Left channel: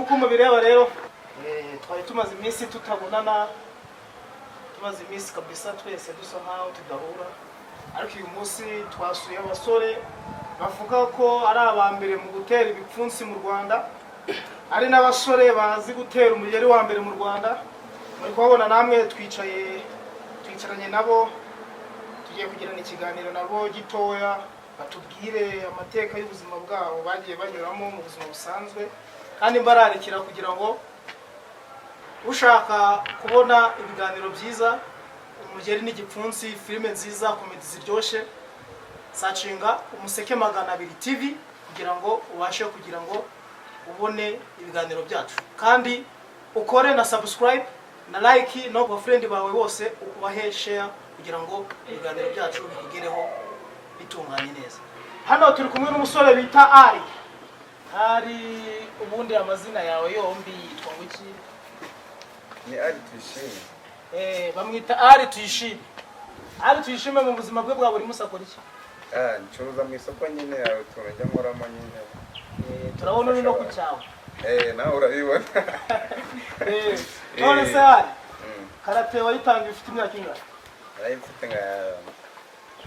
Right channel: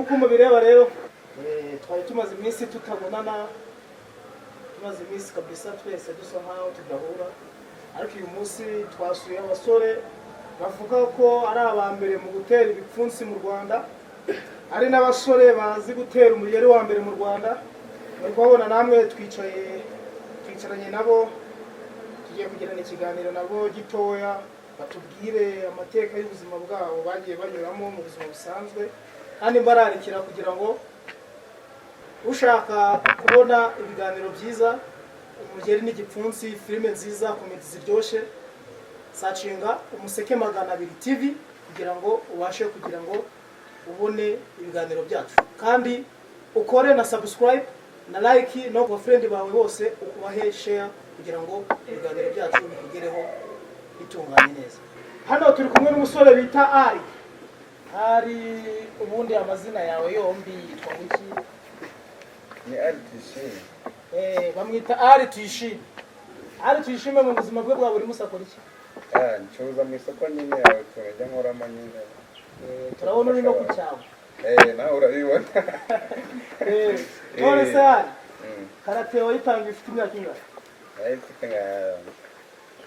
nkuko mubireba rero twari tumaze iminsi tutabonana, tumaze iminsi kabisa twese dusa nkaho tudahura, ariko uyu munsi twasuye abasore bavuga ko ari abambere mu gutera ibipfunsi mu Rwanda, ari n'abasore bazi gutera umugeri wa mbere mu Rwanda. Muri kubabona namwe twicaranye nabo, tugiye kugirana ikiganiro nabo gitoya, batubwire amateka y'ubuzima bwabo bagiye banyuramo mu buzima busanzwe, kandi mbararikira kugira ngo ushaka kubona ibiganiro byiza, umugeri n'igipfunsi, filime nziza, komedi ziryoshye, sacinga Umuseke 200 TV kugira ngo ubashe kugira ngo ubone ibiganiro byacu, kandi ukore na subscribe na like no ku friend bawe bose, ukubahe share kugira ngo ibiganiro byacu bikugereho bitunganye neza. Hano turi kumwe n'umusore bita Ari. Ubundi amazina yawe yombi yitwa iki? Ni Ari Tuyishime. Bamwita Ari Tuyishime. Ari Tuyishime mu buzima bwe bwa buri munsi akora iki? Ncuruza mu isoko nyine yawe turajya nkoramo nyine. Turabona uri no ku cyawe. Nawe urabibona. None se Ari, karate wayitanga ifite imyaka ingahe? Ifite nka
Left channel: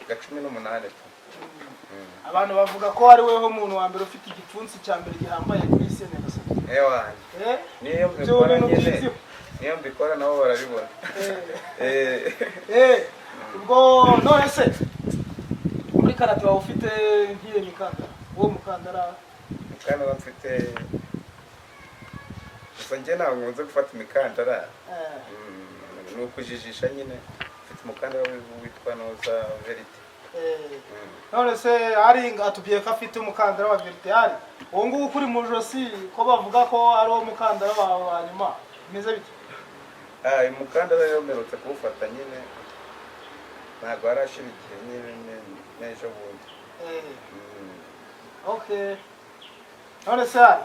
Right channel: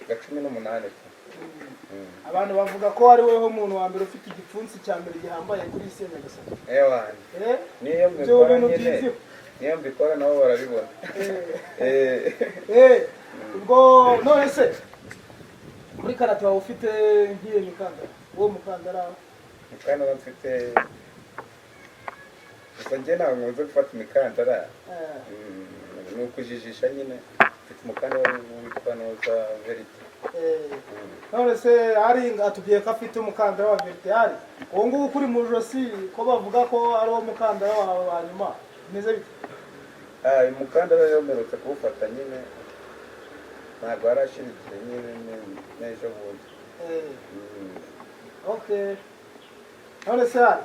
18. Abantu bavuga ko ari weho umuntu wa mbere ufite igipfunsi cya mbere gihambaye kuri isi Nyagasani. Wanje. Niyo mbikora nabo barabibona. Ubwo none se muri karate wawe ufite nkiye mikandara? Uwo mukandara mfite gusa njye ntabwo nkunze gufata imikandara, ni ukujijisha nyine. Mfite umukandara witwa Noza Verite. None se Ari atubwiye ko afite umukandara wa Verite. Ari uwo nguwo kuri mu josi ko bavuga ko ari uwo mukandara wawe wa nyuma, bimeze bite? Uyu mukandara rero mperutse kuwufata nyine, ntabwo warashirikiye nyine n'ejo bundi. Okay. None se Ari,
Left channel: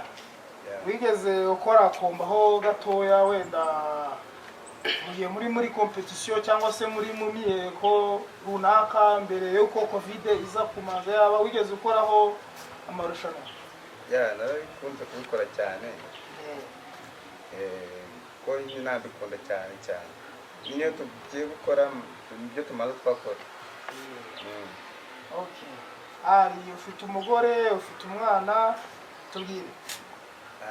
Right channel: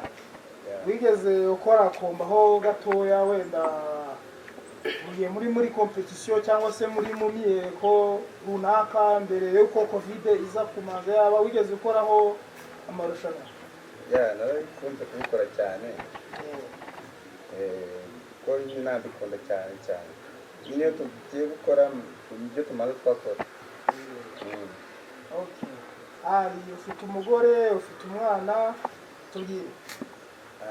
wigeze ukora kumbaho gatoya wenda mugiye muri competition cyangwa se muri mumiyeko runaka mbere yuko Covid iza kumaza yaba wigeze ukoraho amarushanwa? Narabikunze kubikora cyane. Ko nyine nabikunda cyane. Niyo tugiye gukora ibyo tumaze twakora. Okay. Ari ufite umugore, ufite umwana, tubwire.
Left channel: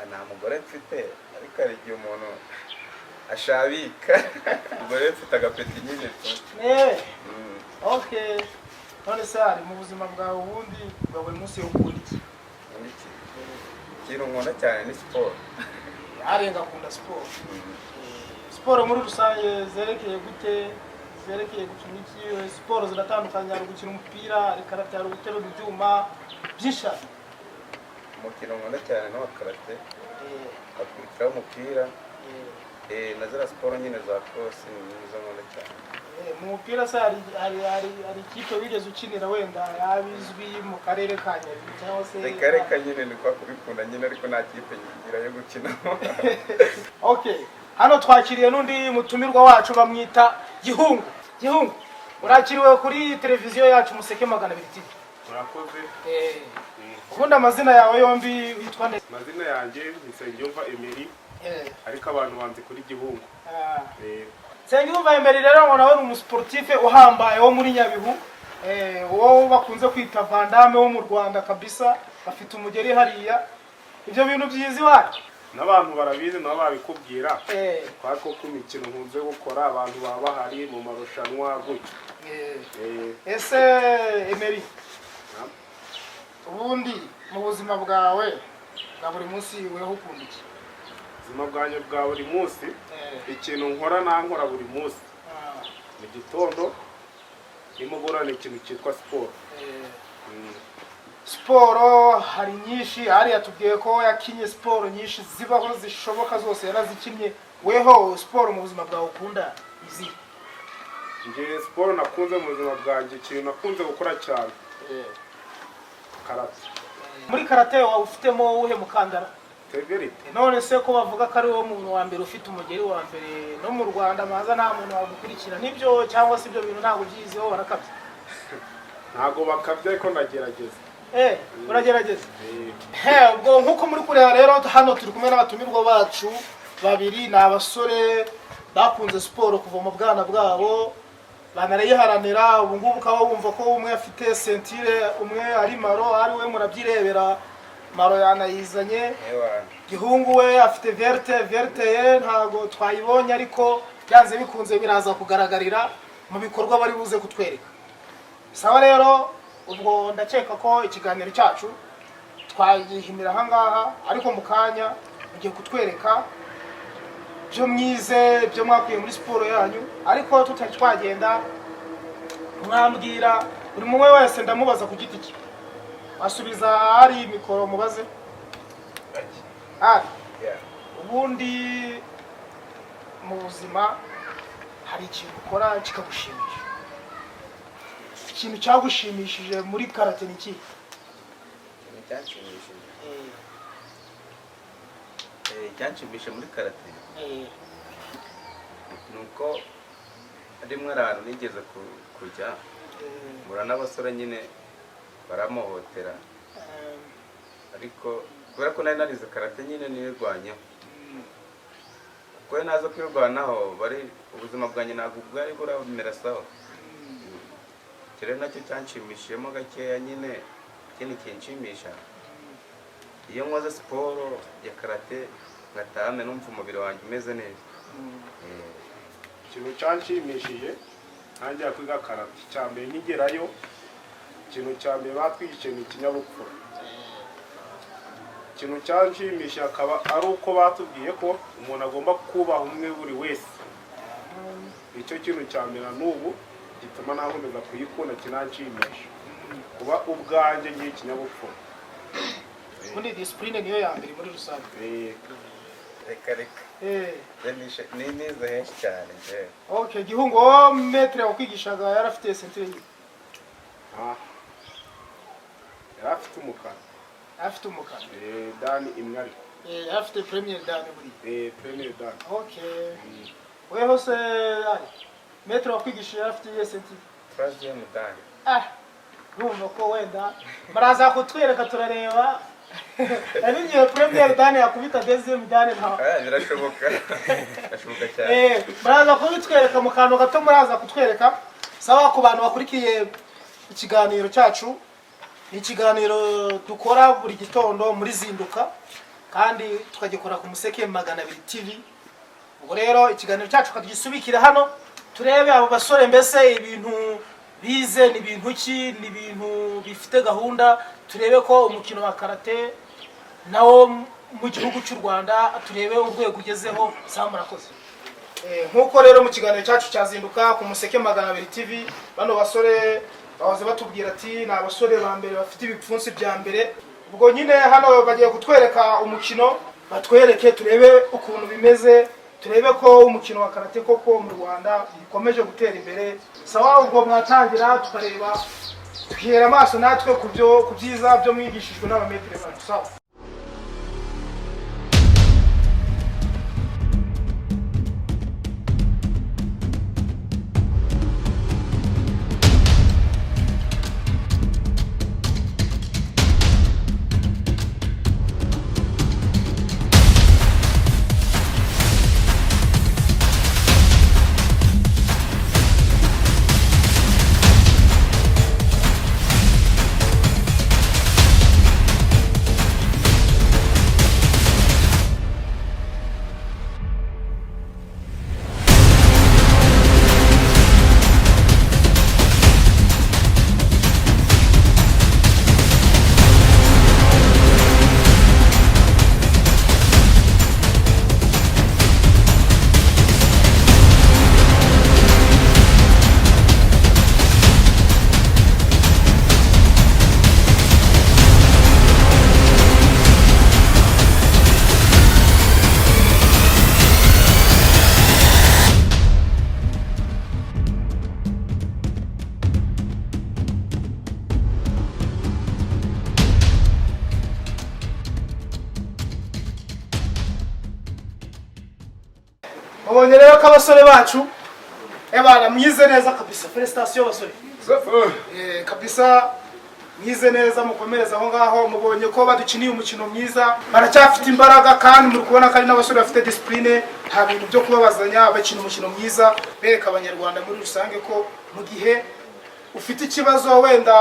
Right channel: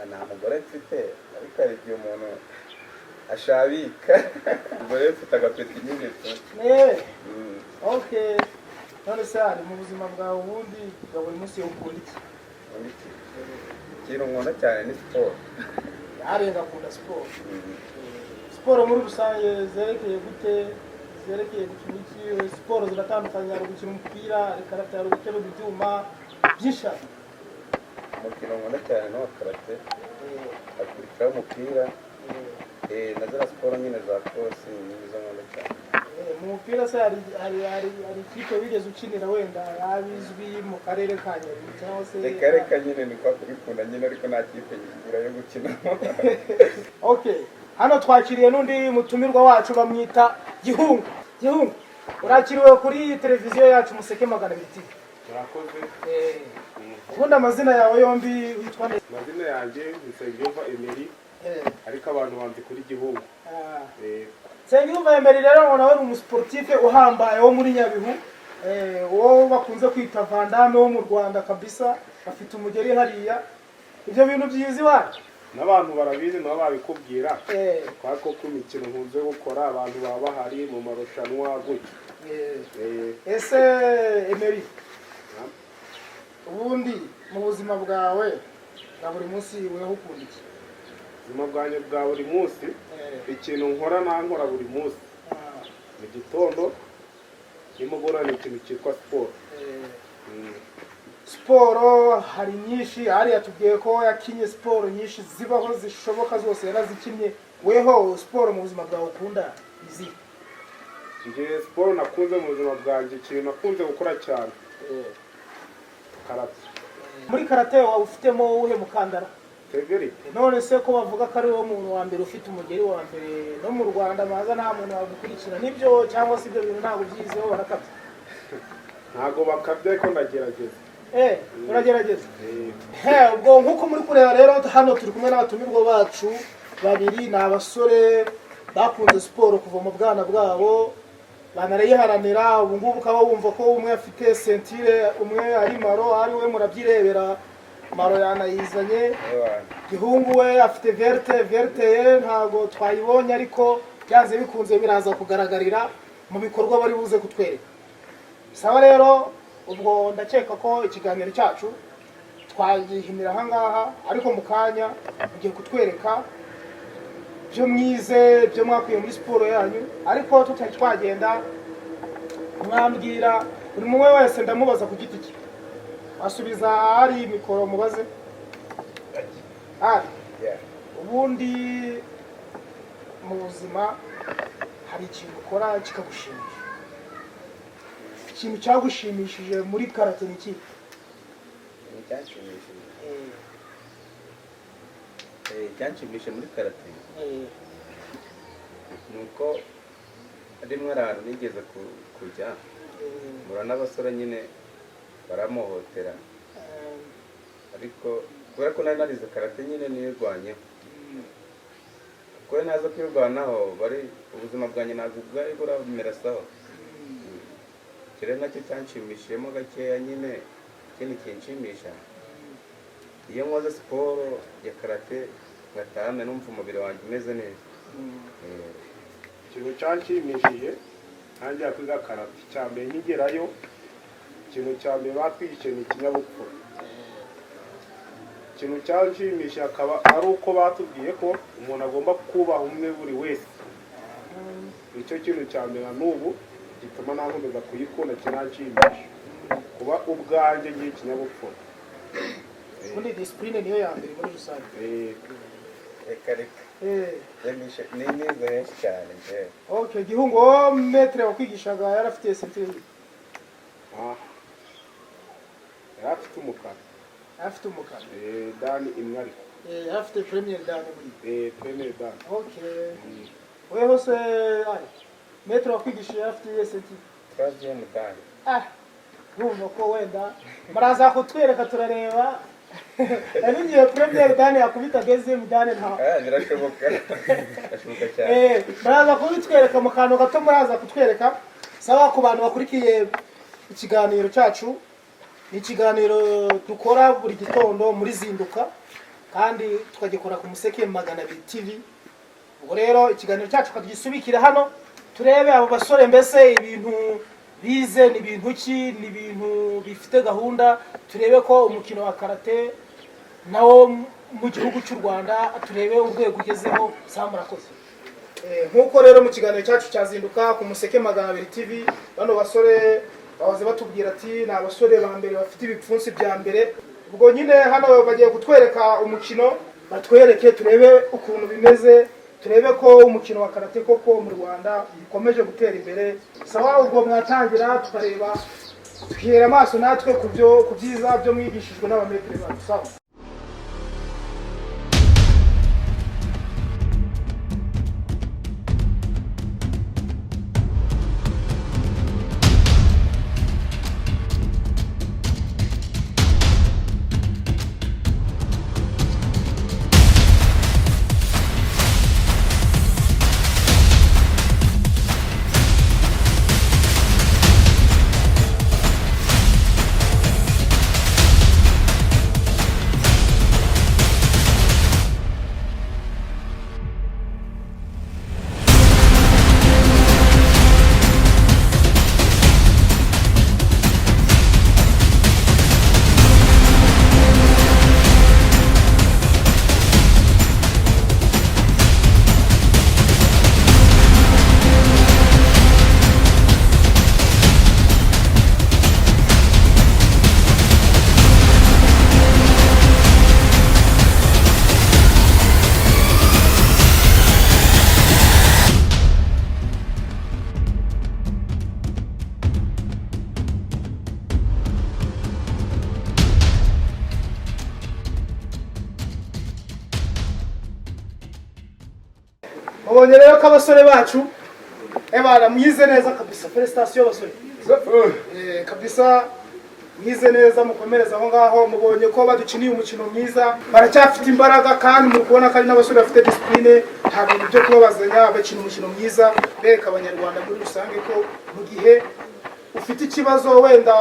Nta mugore mfite, ariko hari igihe umuntu ashabika. Umugore mfite agapeti nyine tu. Okay. None se Ari mu buzima bwawe ubundi bwa buri munsi ukunda iki? Ikintu nkunda cyane ni siporo. Ari ngakunda siporo. Siporo muri rusange zerekeye gute? Zerekeye gukina iki? Siporo ziratandukanye, ari gukina umupira, ari karate, ari gutera ibyuma byinshi. Umukino nkunda cyane no karate. Akurikiraho umupira. Na zara siporo nyine za cross nizo nkunda cyane. Mu mupira se hari ikipe wigeze ukinira wenda yabizwi mu karere ka Nyabihu cyangwa se? Reka nyine ni kwa kubikunda nyine, ariko nta kipe ngira yo gukina. Okay. Hano twakiriye n'undi mutumirwa wacu bamwita Gihungu. Gihungu, urakiriwe kuri televiziyo yacu Umuseke 200 TV. Murakoze. Ubundi amazina yawe yombi witwa nde? Amazina yanjye Nsengiyumva Emery. Ariko abantu banze kuri Gihungu. Nsengiyumva Emery rero ngo nawe ni umusportif uhambaye wo muri Nyabihu. Uwo bakunze kwita Vandame wo mu Rwanda kabisa, afite umugeri hariya. Ibyo bintu byizi wacu n'abantu barabizi nabo babikubwira. Kwako ku mikino nkunze gukora abantu baba bahari mu marushanwa gutyo. Ese Emery, ubundi mu buzima bwawe bwa buri munsi weho ukunda iki? Ubuzima bwanjye bwa buri munsi, ikintu nkora nankora buri munsi. Mu gitondo nimugoroba ni ikintu cyitwa siporo. Siporo hari nyinshi, Ari yatubwiye ko yakinye siporo nyinshi zibaho zishoboka zose yarazikinye. Weho siporo mu buzima bwawe ukunda izi? Nje siporo nakunze mu buzima bwanjye, ikintu nakunze gukora cyane karate. Muri karate wawe ufitemo uhe mukandara? Verite. None se ko bavuga ko ari wo muntu wa mbere ufite umugeri wa mbere no mu Rwanda, maza nta muntu wagukurikira, nibyo cyangwa se ibyo bintu ntabwo byiziho barakabye? Ntago bakabye, ariko ndagerageza. uragerageza ubwo nk'uko muri kureba rero hano turi kumwe n'abatumirwa bacu babiri, ni abasore bakunze siporo kuva mu bwana bwabo banarayiharanira. ubu ngubu ukaba wumva ko umwe afite sentire, umwe ari maro, ari we murabyirebera, maro yanayizanye. Gihungu we afite verte ye ntago twayibonye, ariko byanze bikunze biraza kugaragarira mu bikorwa bari buze kutwereka. Sawa rero, ubwo ndakeka ko ikiganiro cyacu twagihimira aha ngaha, ariko mu kanya mugiye kutwereka byo mwize, byo mwakuye muri siporo yanyu. Ariko tutari twagenda, mwambwira buri mumwe wese ndamubaza ku giti cye, asubiza ari mikoro mubaze. Ubundi mu buzima hari ikintu ukora kikagushimisha, ikintu cyagushimishije muri karate ni iki? Icyanshimishije muri karate ni uko rimwe ahantu nigeze kujya mbura n'abasore nyine baramuhotera, ariko kubera ko nari narize karate nyine nirwanyeho, kuko naza kwirwanaho bari ubuzima bwanjye ntabwo bwari buramera sawa. Kera nacyo cyanshimishijemo gakeya nyine. Ikindi kinshimisha iyo nkoze siporo ya karate ngataha numva umubiri wanjye umeze neza. Ikintu cyanshimishije nanjye kwiga karate, cyambere nkigerayo ikintu cyambere batwigishe ni ikinyabupfura. Ikintu cyanshimishije akaba ari uko batubwiye ko umuntu agomba kubaha umwe buri wese. Icyo kintu cyambere n'ubu gituma nakomeza kuyikunda, kinanshimisha kuba ubwanjye ngiye ikinyabupfura. Ubundi discipline niyo ya mbere muri rusange. Reka ni neza henshi cyane njyewe. Okay, Gihungu wo metre wakwigishaga yarafite sentire ye? Yarafite umukara. Afite umukara. Dani imwe ari. Afite premier dan muri. Premier dan. Okay. Wewe se ari metre wakwigisha yarafite sentire? Troisième dan. Numva ko wenda maraza kutwereka turareba. Abigiye premier dan yakubita deuxième dan nta. Birashoboka. Birashoboka cyane. Maraza kubitwereka mu kantu gato, maraza kutwereka. Sawa, ku bantu bakurikiye ikiganiro cyacu, ni ikiganiro dukora buri gitondo muri Zinduka, kandi tukagikora ku Museke 200 TV. Ubwo rero ikiganiro cyacu kagisubikira hano, turebe abo basore mbese ibintu bize ni ibintu ki, ni ibintu bifite gahunda. Turebe ko umukino wa karate nawo mu gihugu cy'u Rwanda turebe urwego ugezeho. Murakoze. Nkuko rero mu kiganiro cyacu cyazinduka ku Museke 200 TV, bano basore bahoze batubwira ati ni abasore ba mbere bafite ibipfunsi bya mbere. Ubwo nyine hano bagiye kutwereka umukino, batwereke turebe ukuntu bimeze, turebe ko umukino wa karate koko mu Rwanda ukomeje gutera imbere. Sawa, ubwo mwatangira tukareba, tukihera amaso natwe ku byiza byo mwigishijwe n'abametre bacu. Sawa. Mubonye rero ko abasore bacu bana mwize neza kabisa. Felicitation basore. Kabisa mwize neza mukomereza aho ngaho mubonye ko badukiniye umukino mwiza baracyafite imbaraga kandi muri kubona ko ari n'abasore bafite discipline nta bintu byo kubabazanya bakina umukino mwiza bereka abanyarwanda muri rusange ko mu gihe ufite ikibazo wenda